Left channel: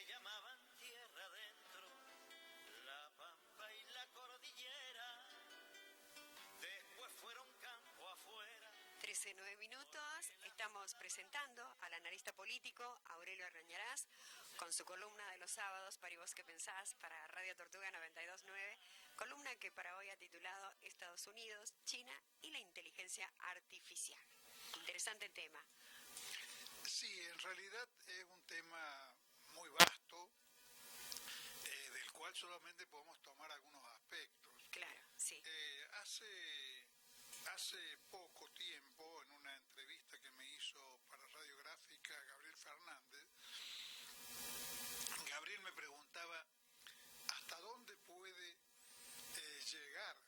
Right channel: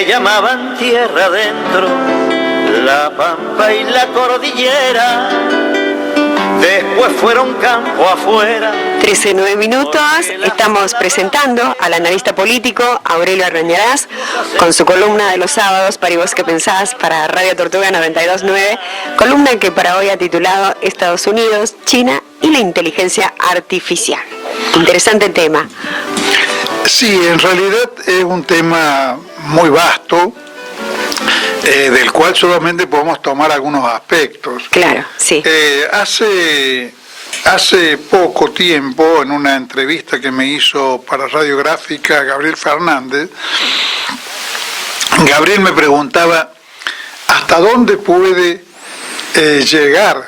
que llamaban tierra adentro, la pampa y la cordillera, después fueron campo afuera. 13:09 minutos, estamos presentando al analista político Aurelio Arrañarás con su columna de los sábados para ¿Y vos qué pensás? Para Radio Tortuga 92.9, columna que para hoy ha titulado Estados Unidos, China y la inteligencia artificial. Interesante tema. Sí, en realidad es un tema muy vasto, del cual solamente podemos tomar algunos aspectos. Claro, sí. Hace poco tiempo, en una entrevista que me hizo para Radiográfica Gabriel Fernández, Gabriel me preguntaba hasta dónde puede llegar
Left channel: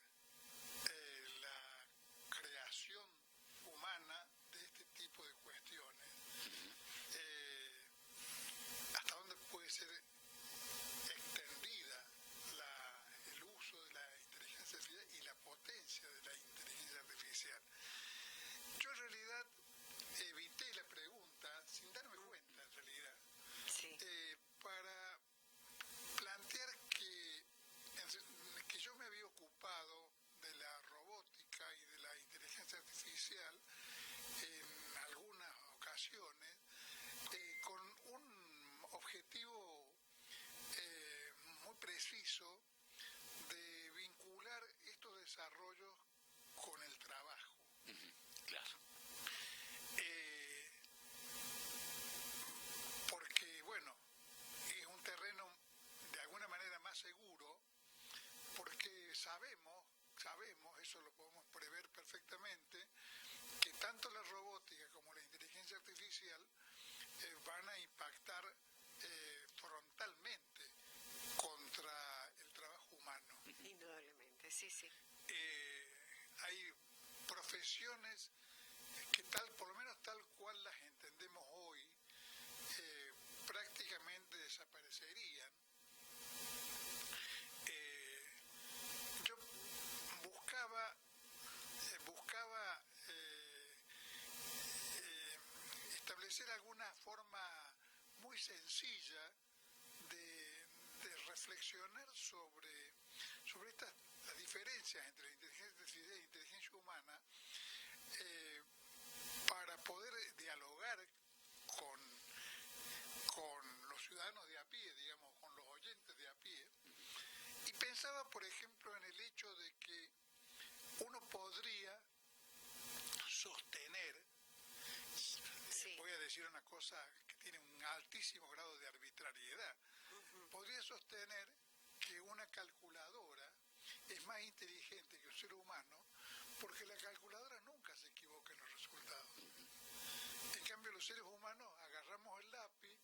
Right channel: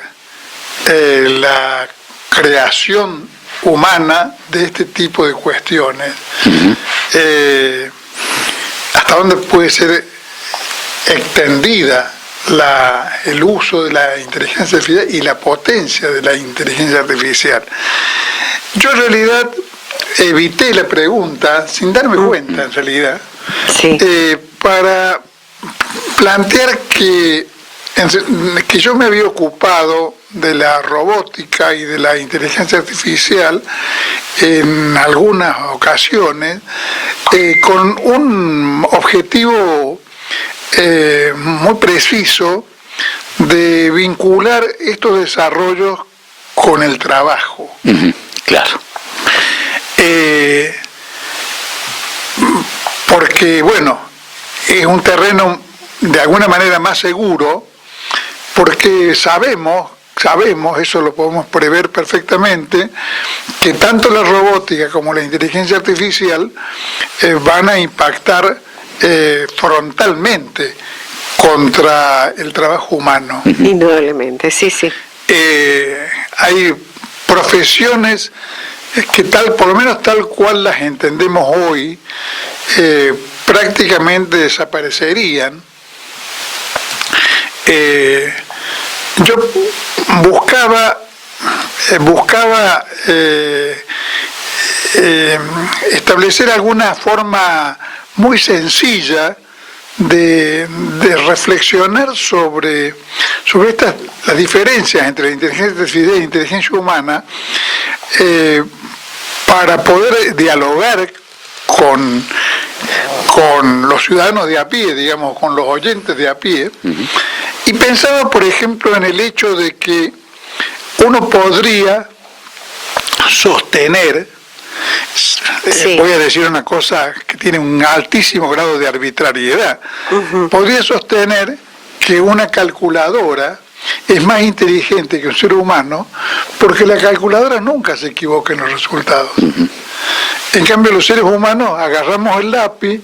la creación humana de este tipo de cuestiones. Hasta dónde puede ser extendida el uso de la inteligencia artificial y la potencia de la inteligencia artificial. Yo en realidad evité la pregunta sin darme cuenta, en realidad, sí. Para plantear que yo me había ocupado de la robótica y de la inteligencia artificial en algunas ocasiones con un objetivo muy preciso de vincular estos desarrollos con el trabajo. Claro. Porque, bueno, es un terreno de alguna manera más seguro, porque sabemos, eso lo podemos prever perfectamente, que tanto la robótica como la inteligencia artificial van a impactar frontalmente contra el trabajo humano. Indudablemente, sí, sí. Hay profesiones que por lo menos tal cual las entendemos hoy, prácticamente desaparecerían. Yo buscaba establecer alguna forma muy sencilla de reflexionar sobre las diferencias entre la inteligencia artificial y la inteligencia humana, para poder dialogar con los ciudadanos de a pie, digamos, con los oyentes de a pie. Y pensaba, por ejemplo, en el hecho de que uno podría sostener, sí, voy a decir una cosa que tiene un altísimo grado de arbitrariedad, podría sostener que una calculadora es más inteligente que un ser humano porque la calculadora nunca se equivoca en los resultados. En cambio, los seres humanos agarramos el lápiz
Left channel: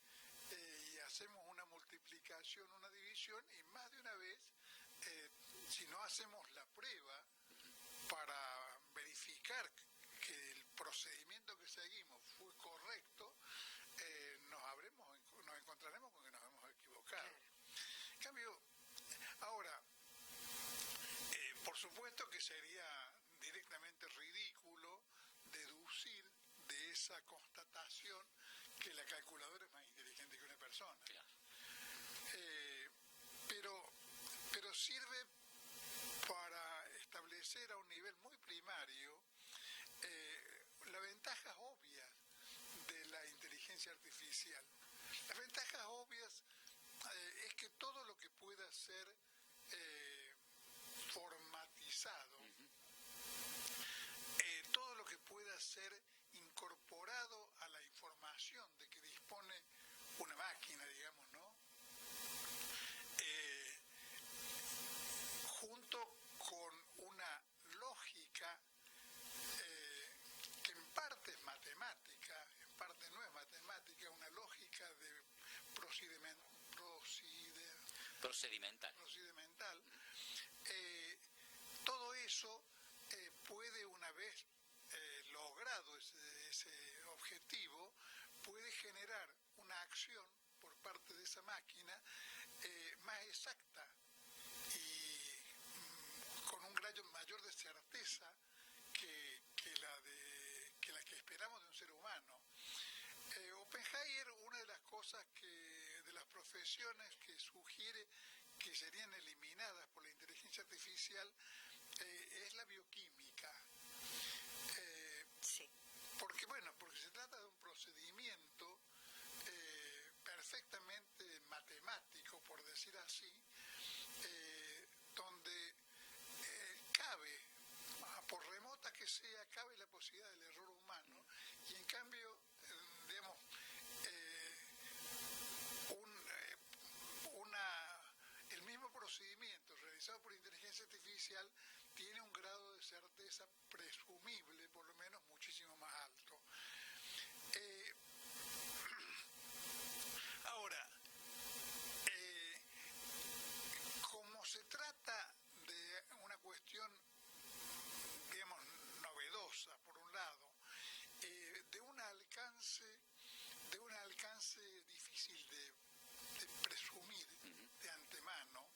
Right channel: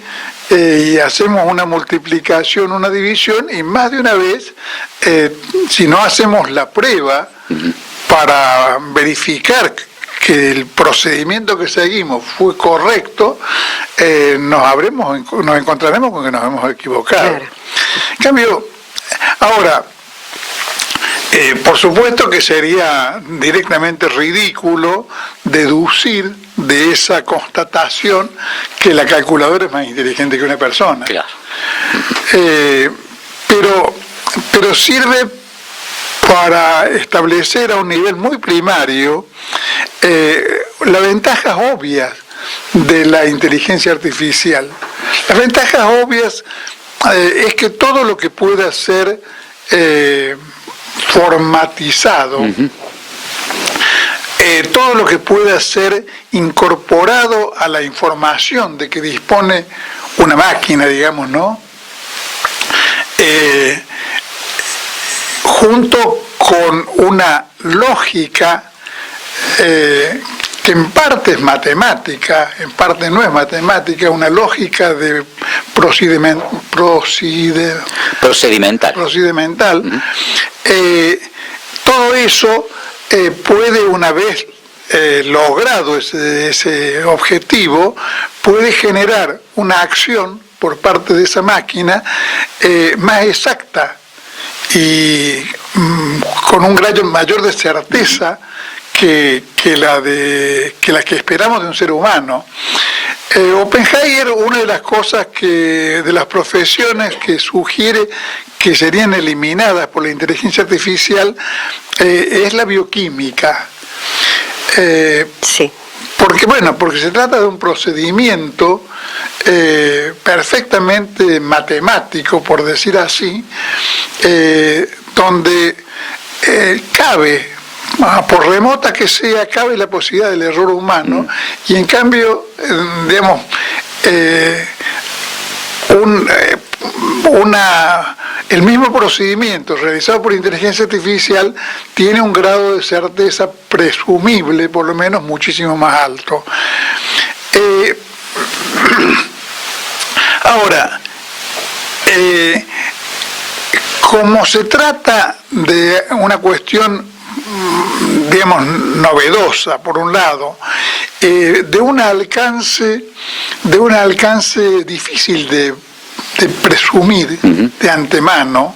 y hacemos una multiplicación, una división, y más de una vez, si no hacemos la prueba para verificar que el procedimiento que seguimos fue correcto, nos encontraremos con que nos hemos equivocado. Claro. En cambio, ahora, por supuesto que sería directamente ridículo deducir de esa constatación que la calculadora es más inteligente que una persona. Claro. Pero sirve para establecer a un nivel muy primario las ventajas obvias de la inteligencia artificial. Las ventajas obvias es que todo lo que pueda ser formatizado, todo lo que pueda ser incorporado a la información de que dispone una máquina, digamos, ¿no? Junto con una lógica que en parte es matemática, en parte no es matemática, una lógica de procedimental. Todo eso puede, una vez logrado ese objetivo, puede generar una acción por parte de esa máquina más exacta y con un grado mayor de certeza que la que esperamos de un ser humano. Oppenheimer, una de las cosas de las profesiones que sugiere que serían eliminadas por la inteligencia artificial es la bioquímica. Sí. Porque se trata de un procedimiento perfectamente matemático, por decir así, donde cabe, por remota que sea, cabe la posibilidad del error humano, y en cambio, digamos, el mismo procedimiento realizado por inteligencia artificial tiene un grado de certeza presumible, por lo menos, muchísimo más alto. Ahora, como se trata de una cuestión, digamos, novedosa, por un lado, de un alcance difícil de presumir de antemano,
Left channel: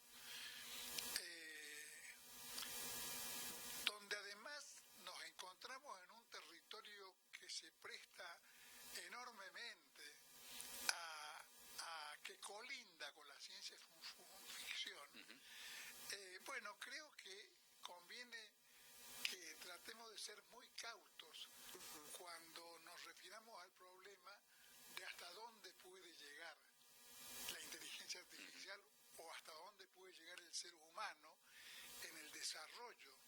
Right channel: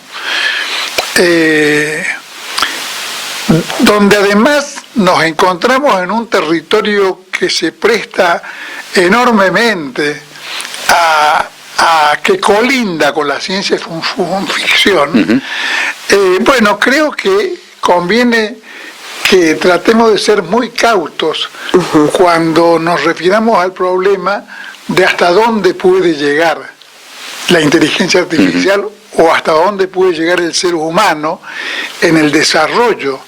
donde además nos encontramos en un territorio que se presta enormemente a que colinda con la ciencia ficción. Creo que conviene que tratemos de ser muy cautos cuando nos refiramos al problema de hasta dónde puede llegar la inteligencia artificial o hasta dónde puede llegar el ser humano en el desarrollo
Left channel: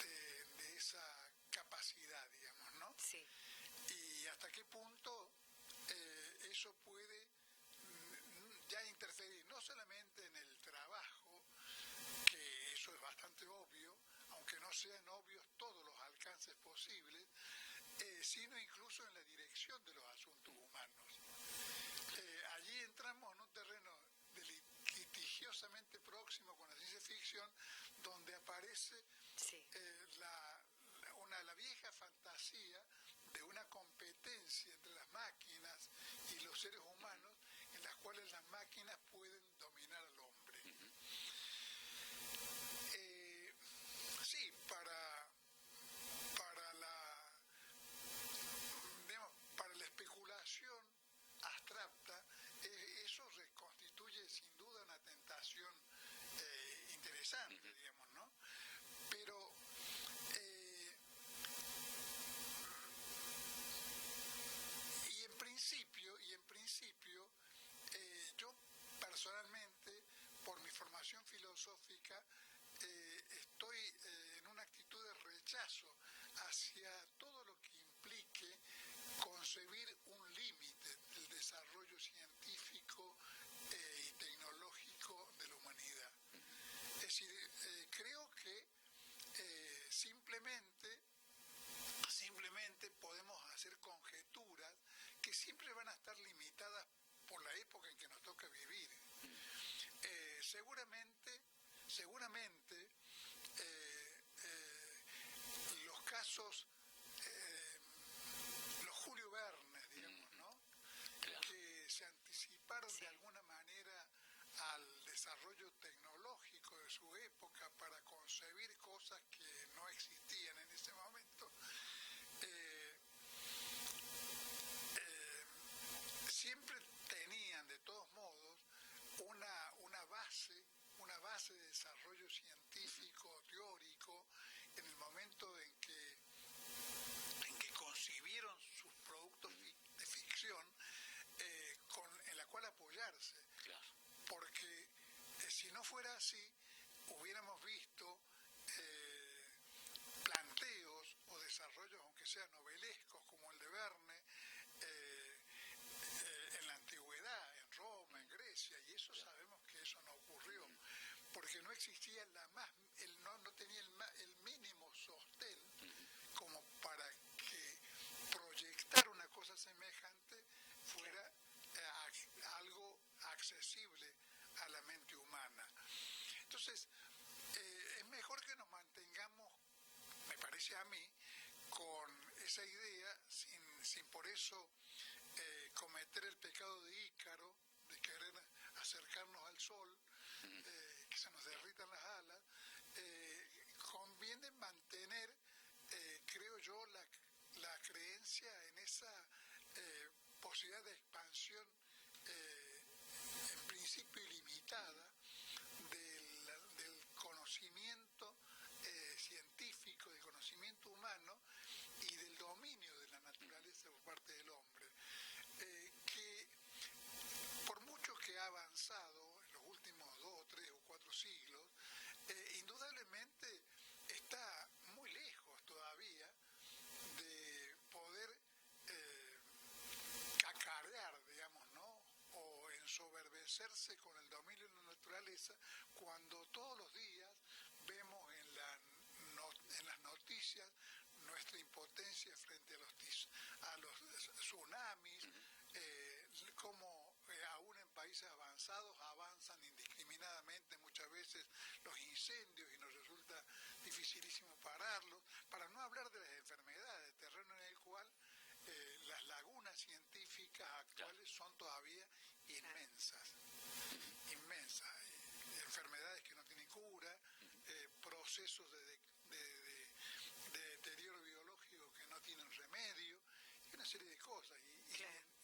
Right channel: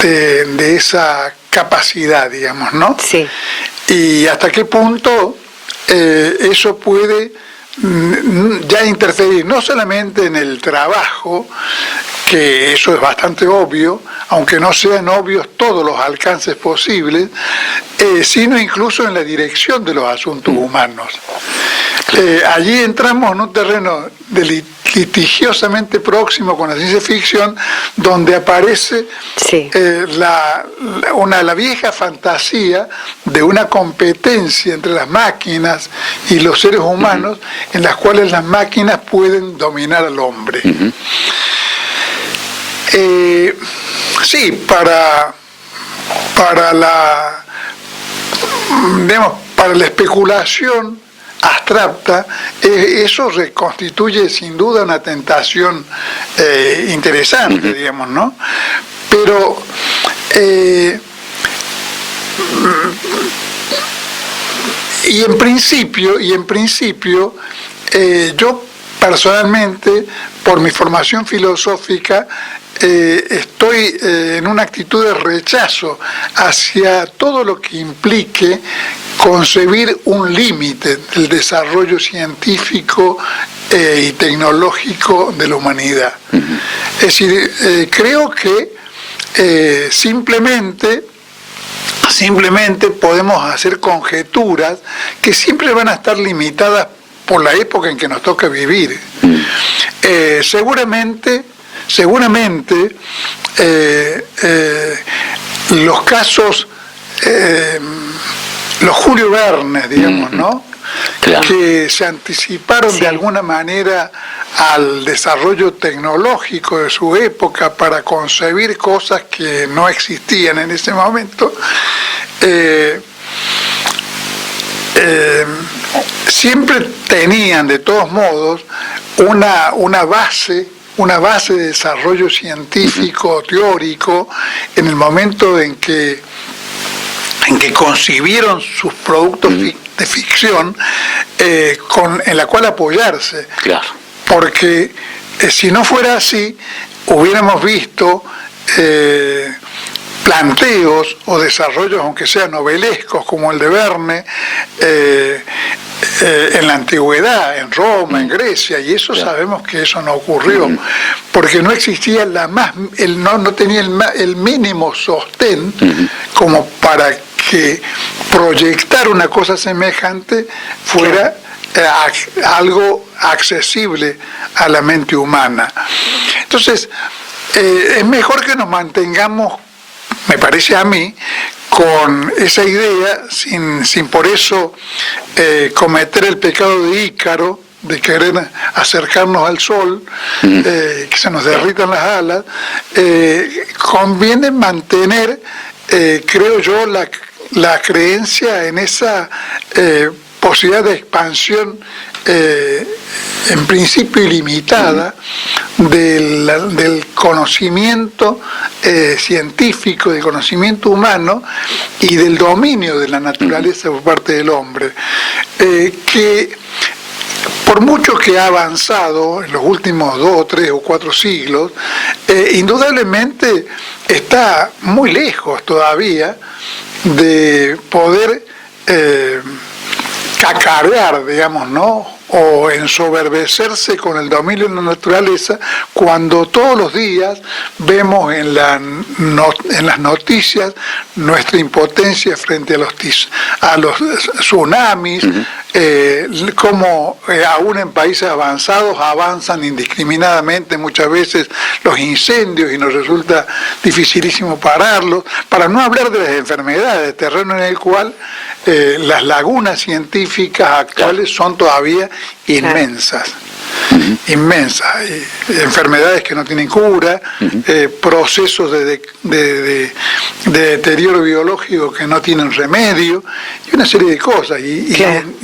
de esa capacidad, digamos, ¿no? Sí. Y hasta qué punto eso puede ya interferir no solamente en el trabajo, que eso es bastante obvio, aunque no sean obvios todos los alcances posibles, sino incluso en la dirección de los asuntos humanos. Allí entramos en un terreno litigiosamente próximo con la ciencia ficción, donde aparece la vieja fantasía de una competencia entre las máquinas y los seres humanos, en las cuales las máquinas pueden dominar al hombre. Para la especulación abstracta, eso reconstituye sin duda una tentación interesante, digamos, ¿no? Pero y en principio yo personalmente, por mi formación filosófica, estoy en una actitud de rechazo hacia todo lo que implique concebir un límite del desarrollo científico y tecnológico de la humanidad. Es decir, creo que simplemente podemos hacer conjeturas que siempre van a estar limitadas por la época en que nos toca vivir. Seguramente los casos, los Julio Verne, digamos, ¿no? Claro. Que se anticiparon de alguna manera al desarrollo tecnológico de su época para concebir cosas que no existían en ese momento, siempre tenían, de todos modos, una base de desarrollo científico, teórico, en el momento en que concibieron sus productos de ficción, en la cual apoyarse. Claro. Porque si no fuera así, hubiéramos visto planteos o desarrollos, aunque sean novelescos, como el de Verne, en la antigüedad, en Roma, en Grecia, y eso sabemos que eso no ocurrió, porque no existía no tenía el mínimo sostén como para que proyectar una cosa semejante fuera algo accesible a la mente humana. Entonces, es mejor que nos mantengamos, me parece a mí, con esa idea, sin por eso cometer el pecado de Ícaro, de querer acercarnos al sol, que se nos derritan las alas. Conviene mantener, creo yo, la creencia en esa posibilidad de expansión en principio ilimitada del conocimiento científico, del conocimiento humano y del dominio de la naturaleza por parte del hombre, que por mucho que ha avanzado en los últimos 2, 3 o 4 siglos, indudablemente está muy lejos todavía de poder cacarear, digamos, ¿no?, o ensoberbecerse con el dominio de la naturaleza, cuando todos los días vemos en las noticias nuestra impotencia frente a los tsunamis, cómo aún en países avanzados avanzan indiscriminadamente muchas veces los incendios y nos resulta dificilísimo pararlos, para no hablar de las enfermedades, terreno en el cual las lagunas científicas actuales son todavía inmensas. Inmensas, enfermedades que no tienen cura, procesos de deterioro biológico que no tienen remedio, y una serie de cosas, y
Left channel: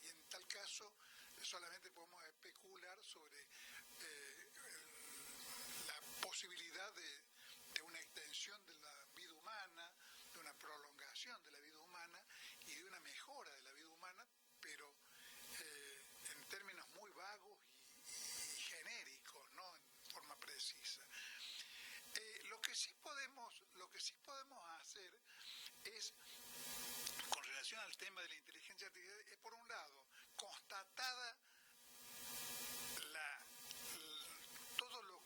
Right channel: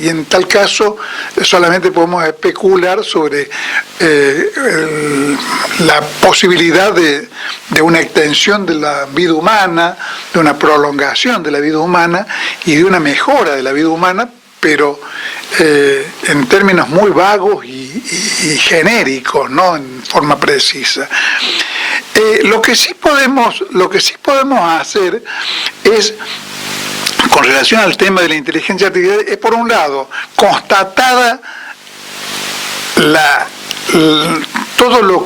en tal caso solamente podemos especular sobre la posibilidad de una extensión de la vida humana, de una prolongación de la vida humana y de una mejora de la vida humana, pero en términos muy vagos y genéricos, no en forma precisa. Lo que sí podemos hacer es, con relación al tema de la inteligencia artificial, es por un lado constatada todo lo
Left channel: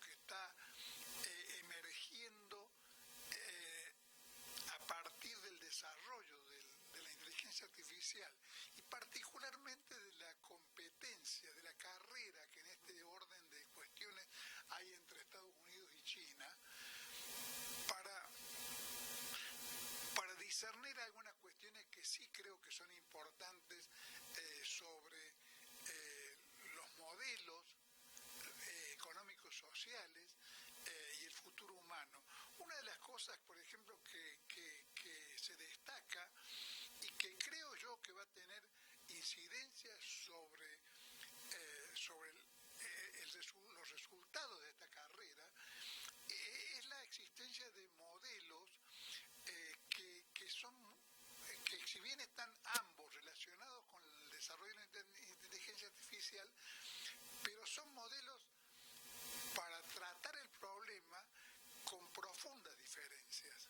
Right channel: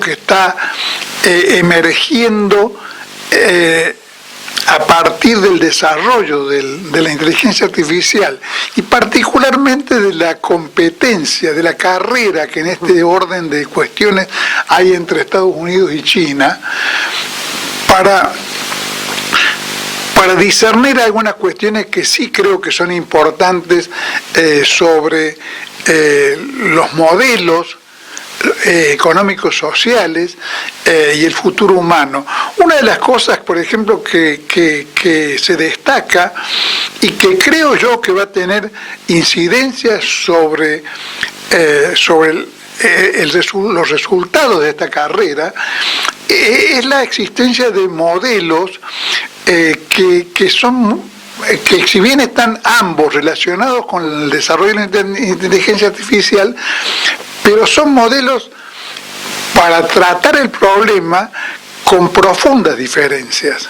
que está emergiendo a partir del desarrollo de la inteligencia artificial y particularmente de la competencia, de la carrera que en este orden de cuestiones hay entre Estados Unidos y China, para discernir algunas cuestiones que sí creo que son importantes sobre los modelos económicos sociales y el futuro humano. Una de las cosas, por ejemplo, que se destaca y que creo yo que va a tener incidencia sobre los resultados de esta carrera, es la existencia de modelos que si bien están ambos relacionados con el desarrollo de la inteligencia artificial, pero son modelos para tratar el problema con profundas diferencias,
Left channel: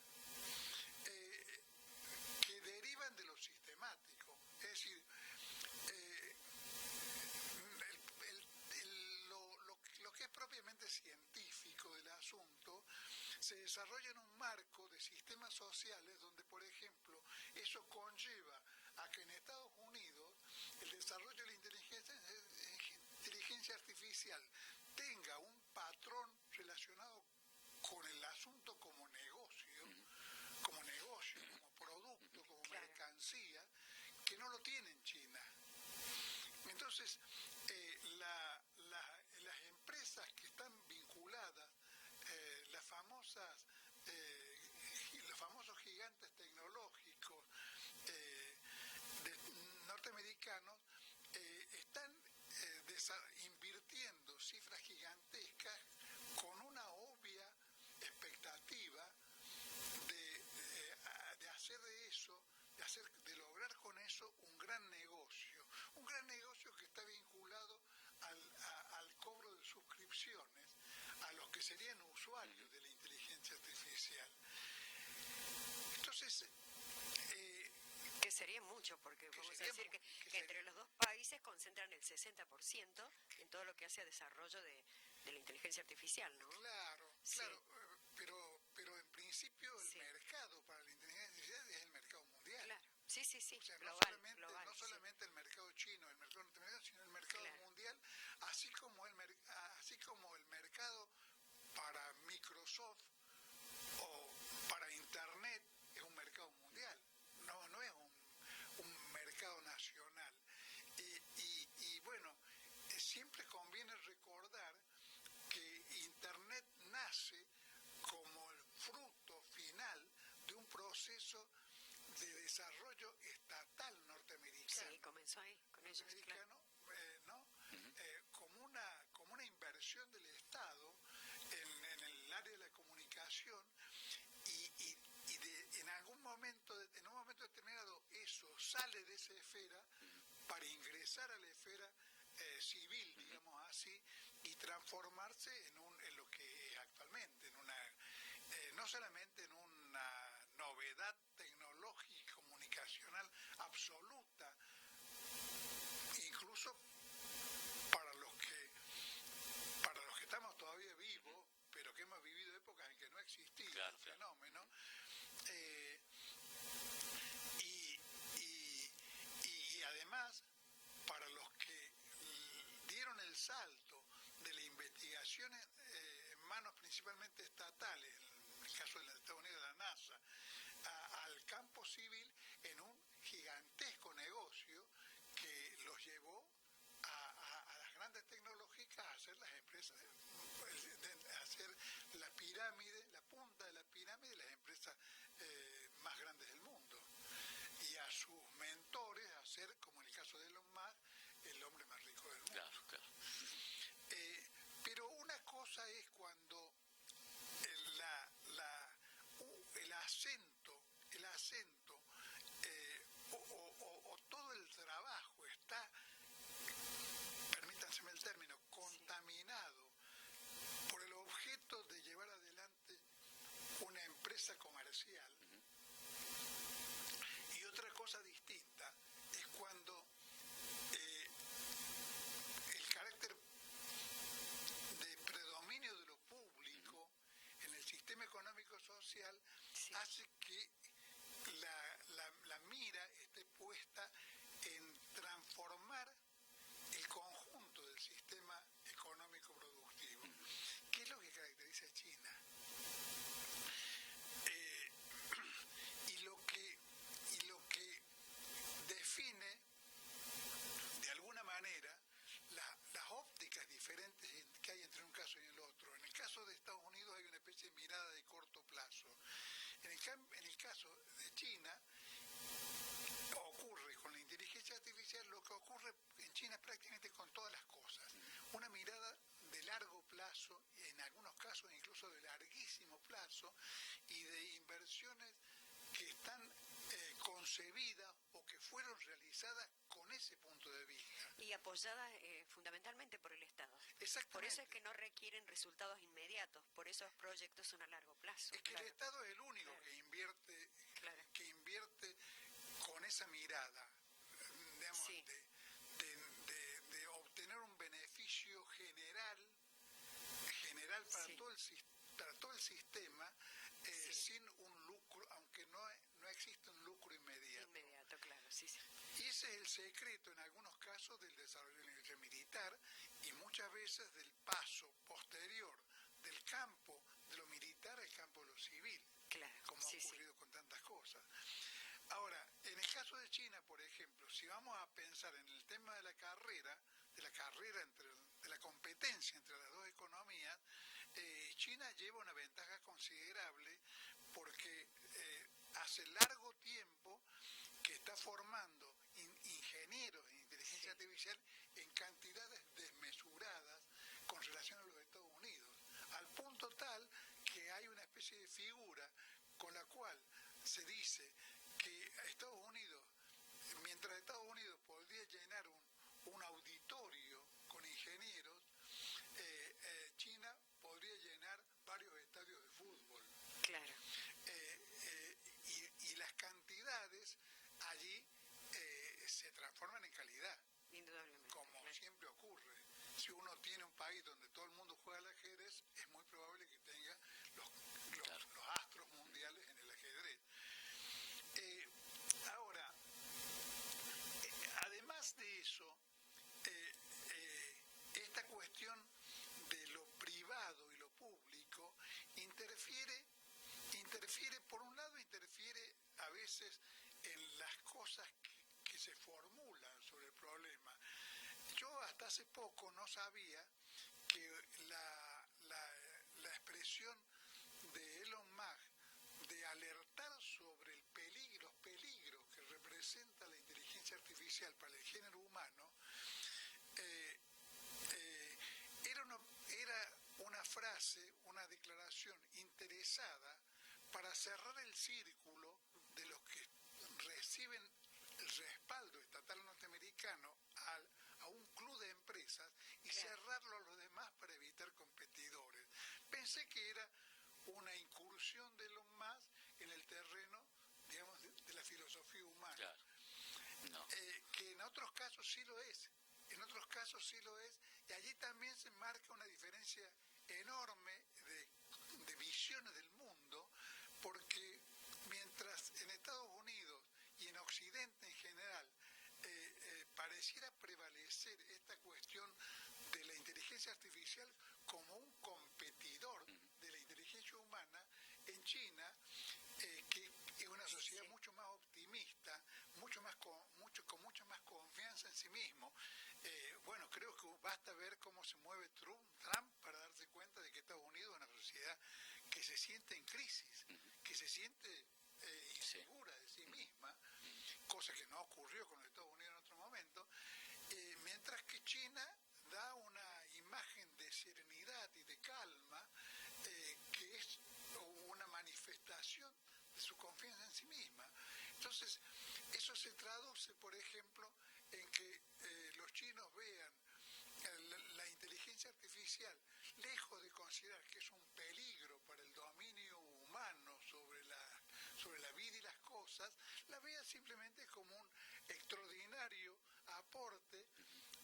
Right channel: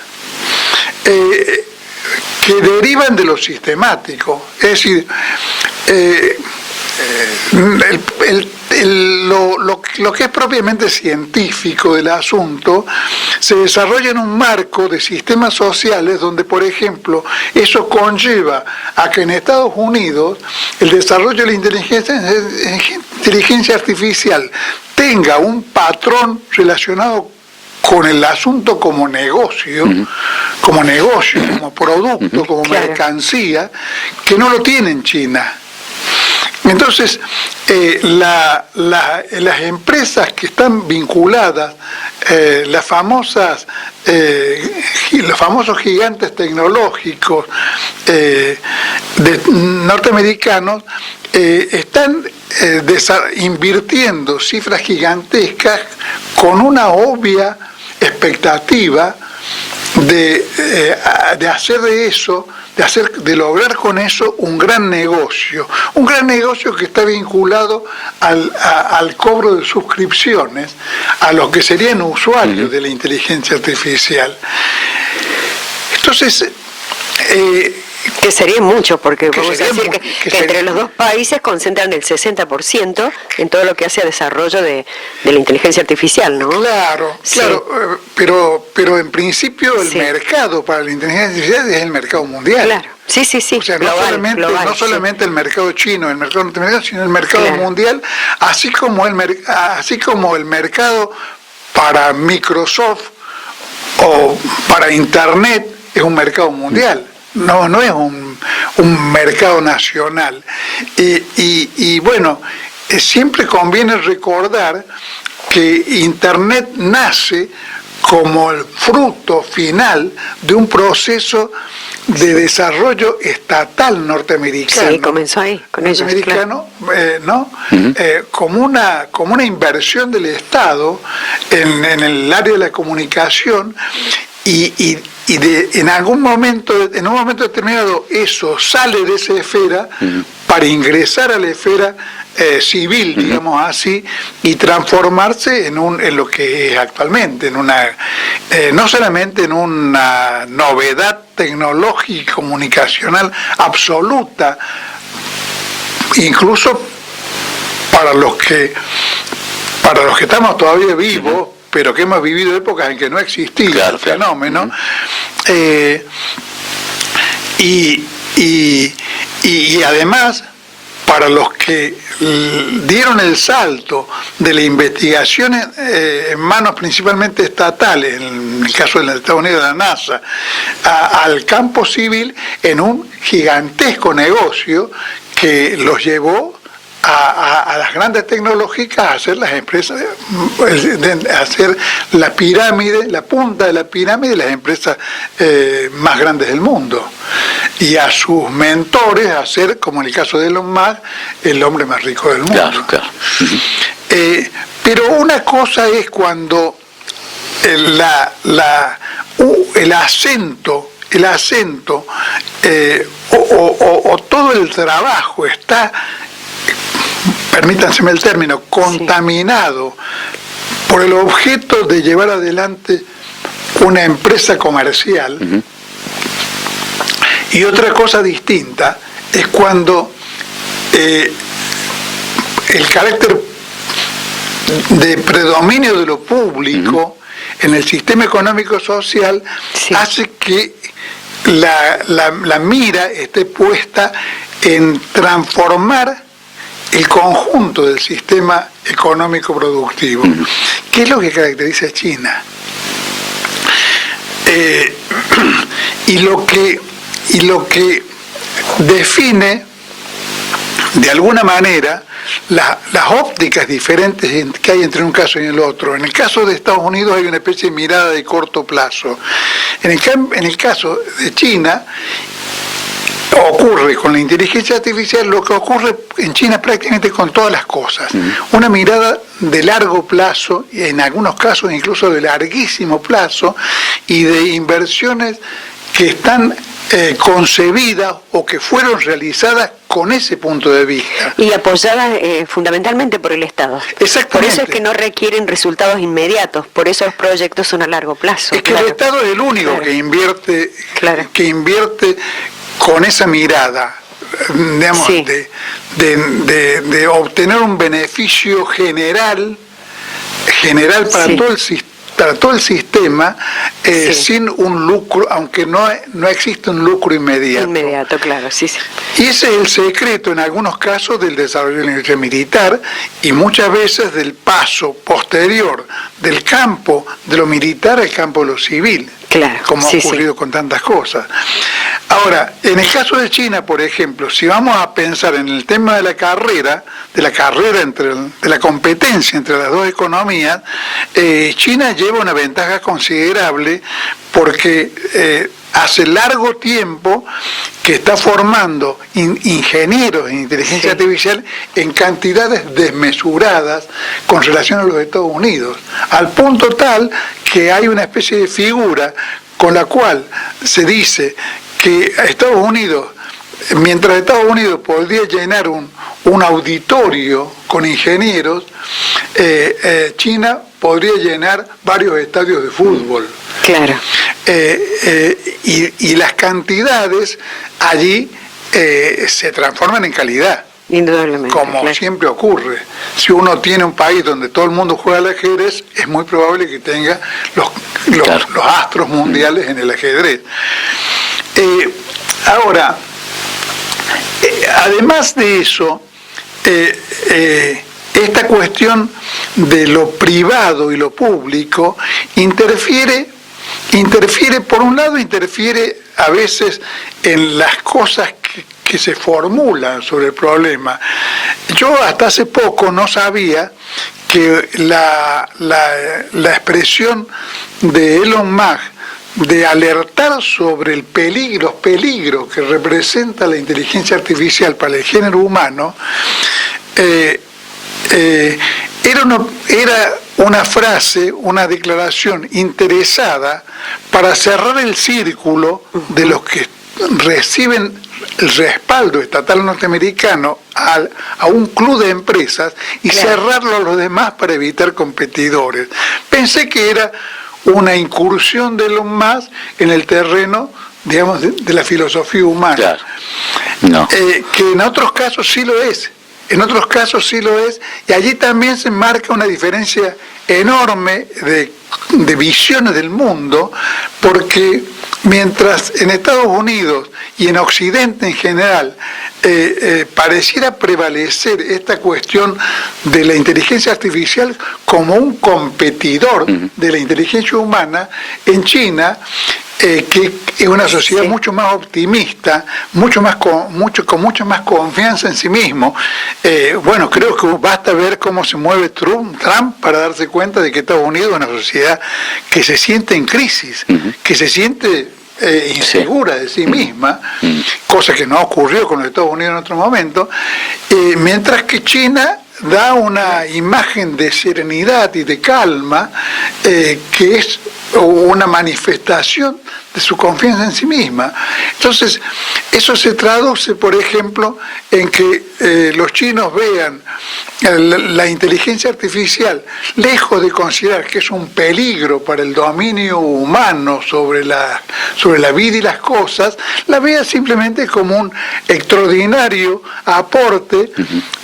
que derivan de lo sistemático. Es decir, lo que es propiamente científico del asunto se desarrolla en un marco de sistemas sociales donde, por ejemplo, eso conlleva a que en Estados Unidos el desarrollo de la inteligencia artificial tenga un patrón relacionado con el asunto como negocio, como producto, como mercancía, que no lo tiene en China. Entonces, las empresas que están vinculadas, los famosos gigantes tecnológicos norteamericanos, están invirtiendo cifras gigantescas con una obvia expectativa de hacer de eso, de lograr con eso un gran negocio que está vinculado al cobro de suscripciones a los que serían usuarios de la inteligencia artificial. Entonces, que sería mucho, porque vamos a decir que entre los dos países concentran el 60% en todo lo que hace a desarrollo de la inteligencia artificial, ¿no? Claro, sí. Claro, pero en principio el mercado para la inteligencia artificial es el mercado mundial. Claro, sí. O sea, no solamente el mercado chino, el mercado norteamericano, sino el mercado mundial, así como el mercado para Microsoft o para Internet es un mercado mundial. No es un mercado nacional. Y bueno, siempre conviene recordar que Internet nace como el fruto final de un proceso de desarrollo estatal norteamericano. Sí, comenzó ahí, con ellos, norteamericano, ¿no? Como una inversión del Estado en el área de la comunicación y en un momento determinado eso sale de esa esfera para ingresar a la esfera civil, digamos así, y transformarse en lo que es actualmente, no solamente en una novedad tecnológica y comunicacional absoluta, incluso para los que estamos todavía vivos, pero que hemos vivido épocas en que no existía el fenómeno, y además para los que dieron el salto de la investigación en manos principalmente estatales, en el caso de los Estados Unidos de la NASA, al campo civil en un gigantesco negocio que los llevó a las grandes tecnológicas a hacer las empresas, a hacer la pirámide, la punta de la pirámide de las empresas más grandes del mundo. Y a sus mentores a ser, como en el caso de Elon Musk, el hombre más rico del mundo. Claro. Pero una cosa es cuando el acento o todo el trabajo está, permítanseme el término, contaminado por el objeto de llevar adelante una empresa comercial. Y otra cosa distinta es cuando el carácter de predominio de lo público en el sistema económico social hace que la mira esté puesta en transformar el conjunto del sistema económico productivo. ¿Qué es lo que caracteriza a China? Y lo que define de alguna manera las ópticas diferentes que hay entre un caso y el otro. En el caso de Estados Unidos hay una especie de mirada de corto plazo. En el caso de China ocurre con la inteligencia artificial lo que ocurre en China prácticamente con todas las cosas. Una mirada de largo plazo, y en algunos casos incluso de larguísimo plazo, y de inversiones que están concebidas o que fueron realizadas con ese punto de vista. Y apoyadas fundamentalmente por el Estado. Exactamente. Por eso es que no requieren resultados inmediatos, por eso los proyectos son a largo plazo. Es que el Estado es el único que invierte con esa mirada, digamos, de obtener un beneficio general para todo el sistema, sin un lucro, aunque no existe un lucro inmediato. Inmediato, claro, sí. Y ese es el secreto en algunos casos del desarrollo de la industria militar y muchas veces del paso posterior del campo de lo militar al campo de lo civil. Claro, como ha ocurrido con tantas cosas. Ahora, en el caso de China, por ejemplo, si vamos a pensar en el tema de la carrera de la competencia entre las dos economías, China lleva una ventaja considerable porque hace largo tiempo que está formando ingenieros en inteligencia artificial en cantidades desmesuradas con relación a los Estados Unidos, al punto tal que hay una especie de figura con la cual se dice que Estados Unidos, mientras Estados Unidos podría llenar un auditorio con ingenieros, China podría llenar varios estadios de fútbol. Claro. Y las cantidades allí se transforman en calidad. Indudablemente. Como siempre ocurre. Si uno tiene un país donde todo el mundo juega al ajedrez, es muy probable que tenga los astros mundiales en el ajedrez. Ahora, además de eso, esta cuestión de lo privado y lo público interfiere, por un lado, interfiere a veces en las cosas que se formulan sobre el problema. Yo hasta hace poco no sabía que la expresión de Elon Musk de alertar sobre los peligros que representa la inteligencia artificial para el género humano, era una frase, una declaración interesada para cerrar el círculo de los que reciben el respaldo estatal norteamericano a un club de empresas y cerrarlo a los demás para evitar competidores. Pensé que era una incursión de Elon Musk en el terreno, digamos, de la filosofía humana. Claro. No. Que en otros casos sí lo es. En otros casos sí lo es, y allí también se marca una diferencia enorme de visiones del mundo, porque mientras en Estados Unidos y en Occidente en general pareciera prevalecer esta cuestión de la inteligencia artificial como un competidor de la inteligencia humana, en China, que es una sociedad mucho más optimista, con mucha más confianza en sí mismo. Bueno, creo que basta ver cómo se mueve Trump para darse cuenta de que Estados Unidos es una sociedad que se siente en crisis, que se siente insegura de sí misma, cosa que no ocurrió con los Estados Unidos en otro momento, mientras que China da una imagen de serenidad y de calma que es una manifestación de su confianza en sí misma. Entonces, eso se traduce, por ejemplo, en que los chinos vean la inteligencia artificial, lejos de considerar que es un peligro para el dominio humano sobre la vida y las cosas, la vean simplemente como un extraordinario aporte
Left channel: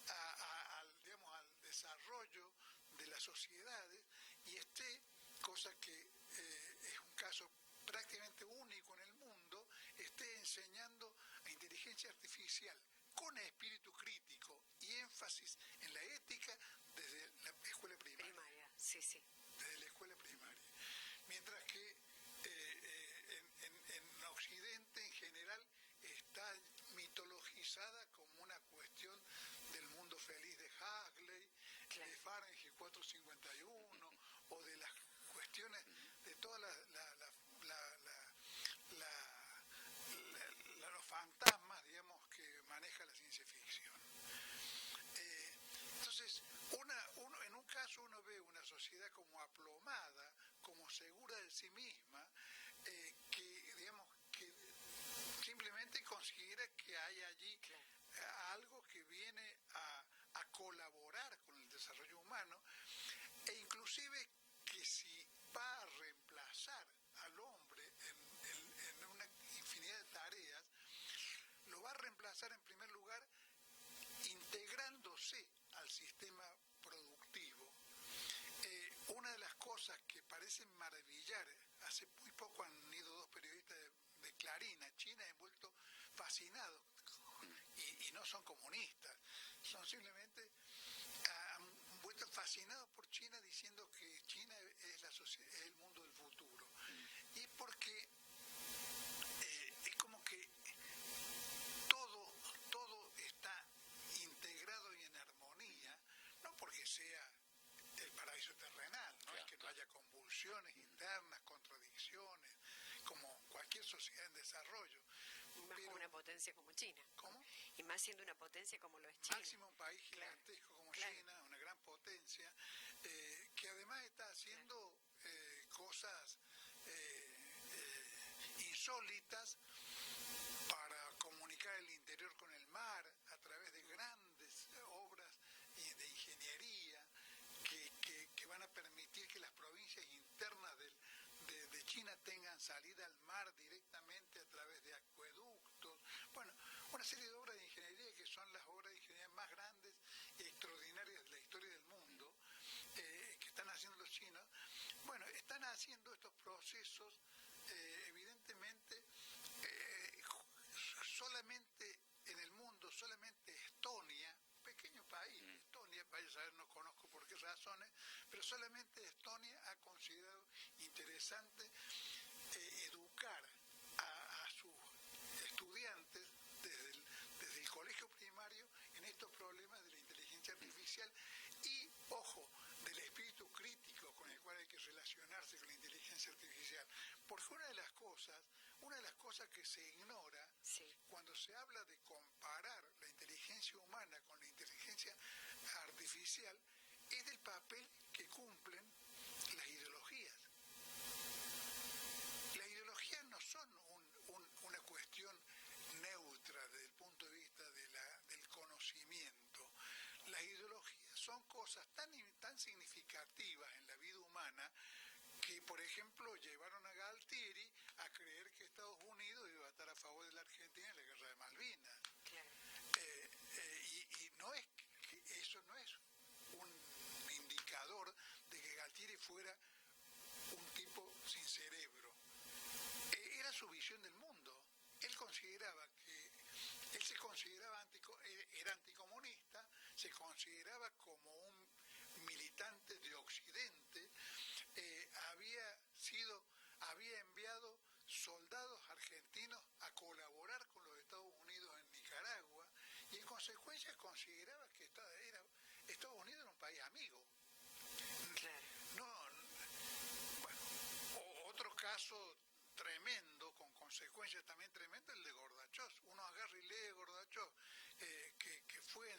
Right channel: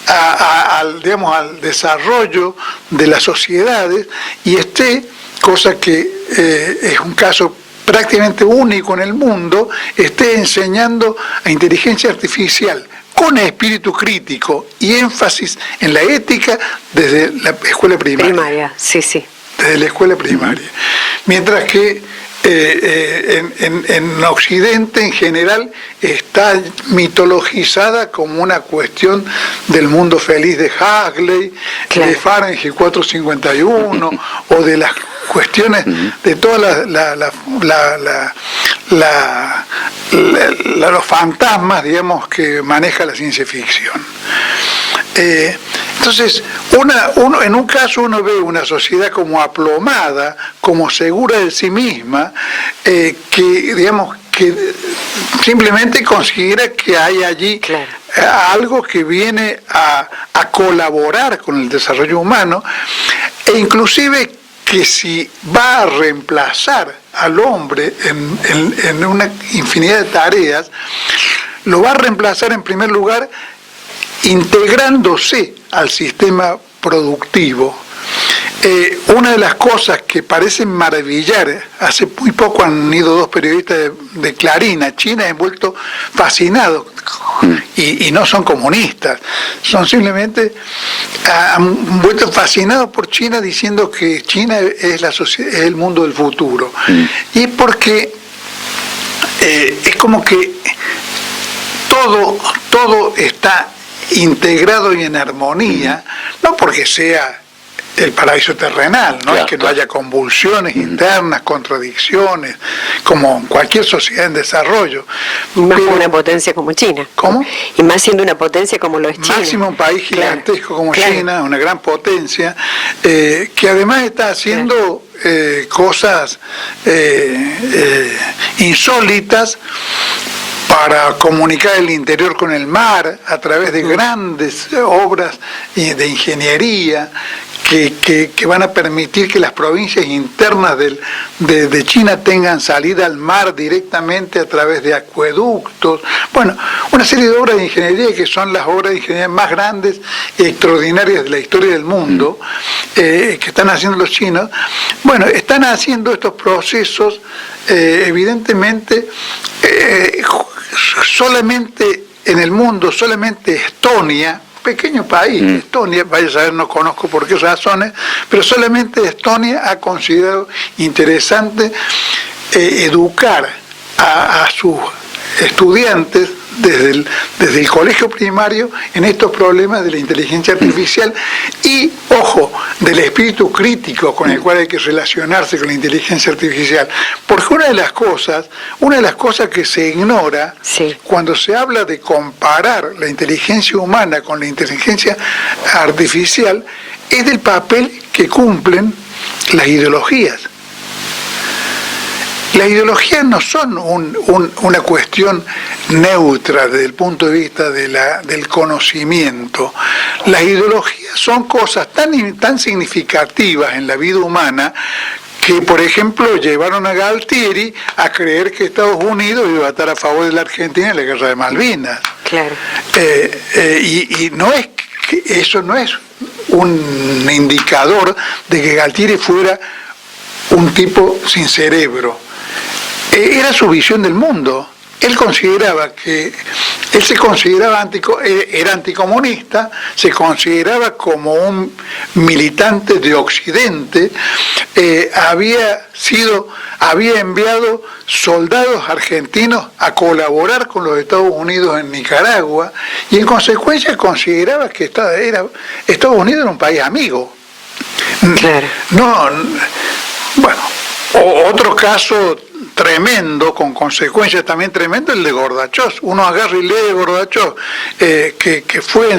al desarrollo de las sociedades, y cosa que es un caso prácticamente único en el mundo, esté enseñando a inteligencia artificial con espíritu crítico y énfasis en la ética desde la escuela primaria. Sí. Desde la escuela primaria. Mientras que en Occidente en general está mitologizada como una cuestión del mundo feliz de Huxley, de Fahrenheit 451, o de las cuestiones de todas los fantasmas, digamos, que maneja la ciencia ficción. Entonces, en un caso uno ve una sociedad como aplomada, como segura de sí misma, que simplemente considera que hay allí algo que viene a colaborar con el desarrollo humano, e inclusive que si va a reemplazar al hombre en una infinidad de tareas, lo va a reemplazar en primer lugar integrándose al sistema productivo. Una de las cosas que parecen maravillar, hace muy poco han ido dos periodistas de Clarín a China, han vuelto fascinados, y no son comunistas, son simplemente, han vuelto fascinados por China, diciendo que China es es el mundo del futuro. Y es porque es como que todo está integrado y en armonía, no porque sea el paraíso terrenal, no es que no haya convulsiones internas, contradicciones, como en cualquier sociedad en desarrollo. Más con una potencia como China. ¿Cómo? Y más siendo una potencia como lo es China. Máximo un país gigantesco como China, una gran potencia, que además está haciendo cosas insólitas para comunicar el interior con el mar a través de grandes obras de ingeniería que van a permitir que las provincias internas de China tengan salida al mar directamente a través de acueductos. Bueno, una serie de obras de ingeniería que son las obras de ingeniería más grandes y extraordinarias de la historia del mundo, que están haciendo los chinos. Bueno, están haciendo estos procesos, evidentemente, solamente en el mundo, solamente Estonia, pequeño país, Estonia, vaya a saber, no conozco por qué razones, pero solamente Estonia ha considerado interesante educar a sus estudiantes desde el colegio primario en estos problemas de la inteligencia artificial y, ojo, del espíritu crítico con el cual hay que relacionarse con la inteligencia artificial. Porque una de las cosas que se ignora cuando se habla de comparar la inteligencia humana con la inteligencia artificial es del papel que cumplen las ideologías. Las ideologías no son una cuestión neutra desde el punto de vista del conocimiento. Las ideologías son cosas tan significativas en la vida humana que, por ejemplo, llevaron a Galtieri a creer que Estados Unidos iba a estar a favor de la Argentina en la Guerra de Malvinas. Claro. Y no es que eso no es un indicador de que Galtieri fuera un tipo sin cerebro. Era su visión del mundo. Él se consideraba era anticomunista, se consideraba como un militante de Occidente, había enviado soldados argentinos a colaborar con los Estados Unidos en Nicaragua y en consecuencia consideraba que Estados Unidos era un país amigo. Claro. Otro caso tremendo, con consecuencias también tremendas, el de Gorbachev. Uno agarra y lee de Gorbachev, que fue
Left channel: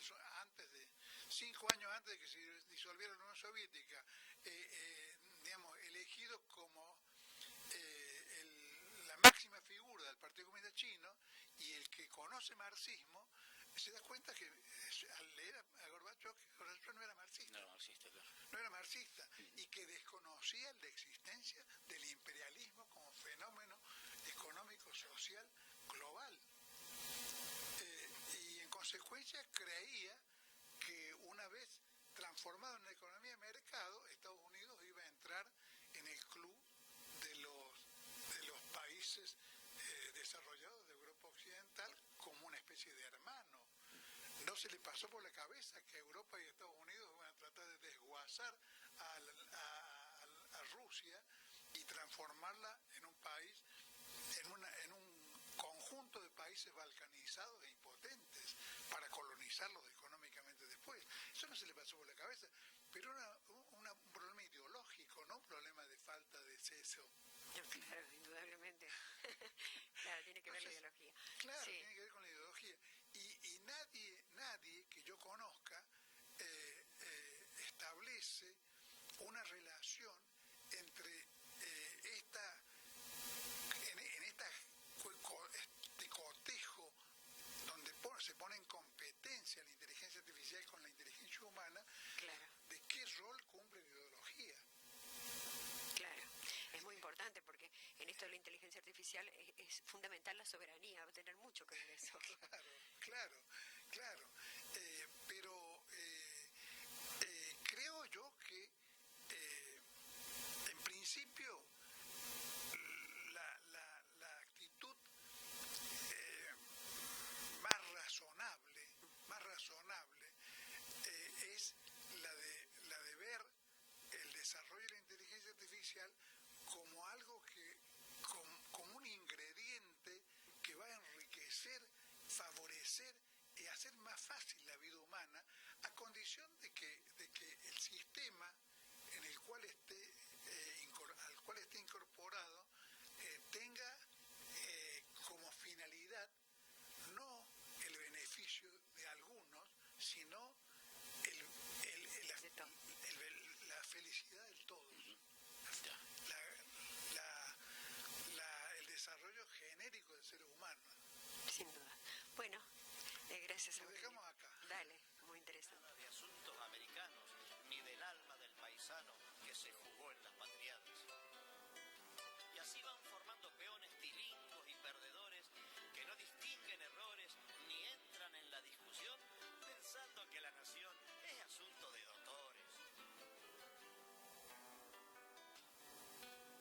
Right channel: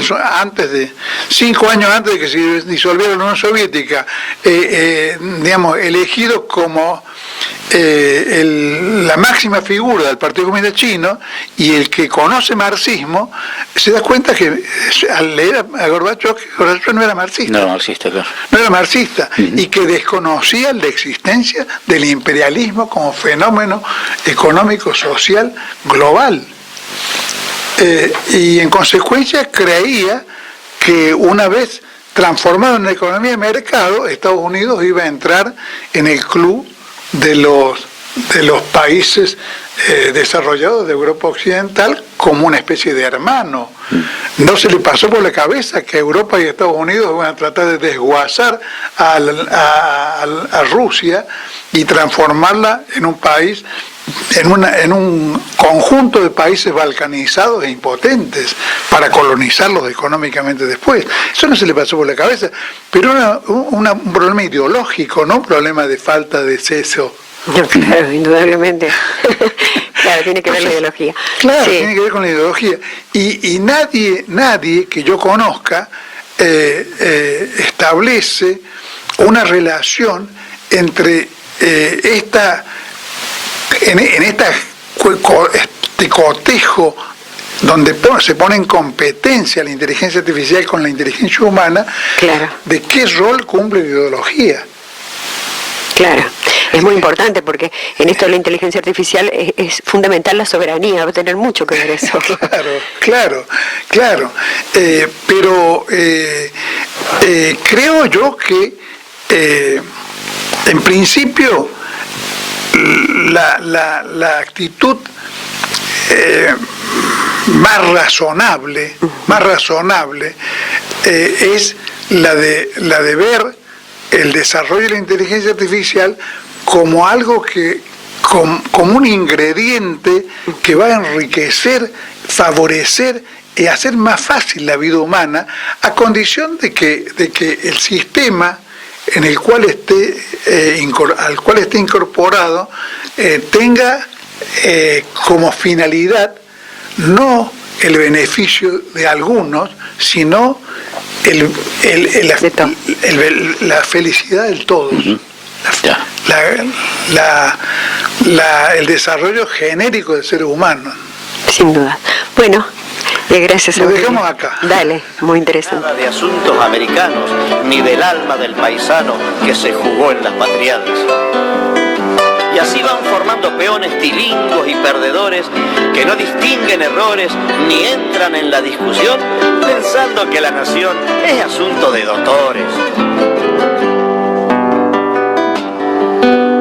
5 años antes de que se disolviera la Unión Soviética, elegido como la máxima figura del Partido Comunista Chino, y el que conoce marxismo se da cuenta que al leer a Gorbachev, que Gorbachev no era marxista. No era marxista, claro. No era marxista, y que desconocía la existencia del imperialismo como fenómeno económico social global. Y en consecuencia creía que una vez transformado en una economía de mercado, Estados Unidos iba a entrar en el club de los países desarrollados de Europa Occidental como una especie de hermano. No se le pasó por la cabeza que Europa y Estados Unidos van a tratar de desguazar a Rusia y transformarla en un país, en un conjunto de países balcanizados e impotentes para colonizarlos económicamente después. Eso no se le pasó por la cabeza, pero era un problema ideológico, no un problema de falta de seso. No, claro, indudablemente. Claro, tiene que ver la ideología. Claro, sí. Tiene que ver con la ideología. Y nadie que yo conozca establece una relación entre este cotejo donde se pone en competencia la inteligencia artificial con la inteligencia humana, claro, de qué rol cumple la ideología. Claro, es muy importante porque en esto de la inteligencia artificial es fundamental la soberanía, va a tener mucho que ver eso. Claro. Pero creo yo que en principio la actitud más razonable es la de ver el desarrollo de la inteligencia artificial como algo como un ingrediente que va a enriquecer, favorecer y hacer más fácil la vida humana, a condición de que el sistema en el cual al cual esté incorporado tenga como finalidad no el beneficio de algunos, sino la felicidad del todos. El desarrollo genérico del ser humano. Sin duda. Bueno, gracias. Lo dejamos acá. Dale, muy interesante. Nada de asuntos americanos, ni del alma del paisano que se jugó en las patriadas. Y así van formando peones tilingos y perdedores que no distinguen errores ni entran en la discusión pensando que la nación es asunto de doctores.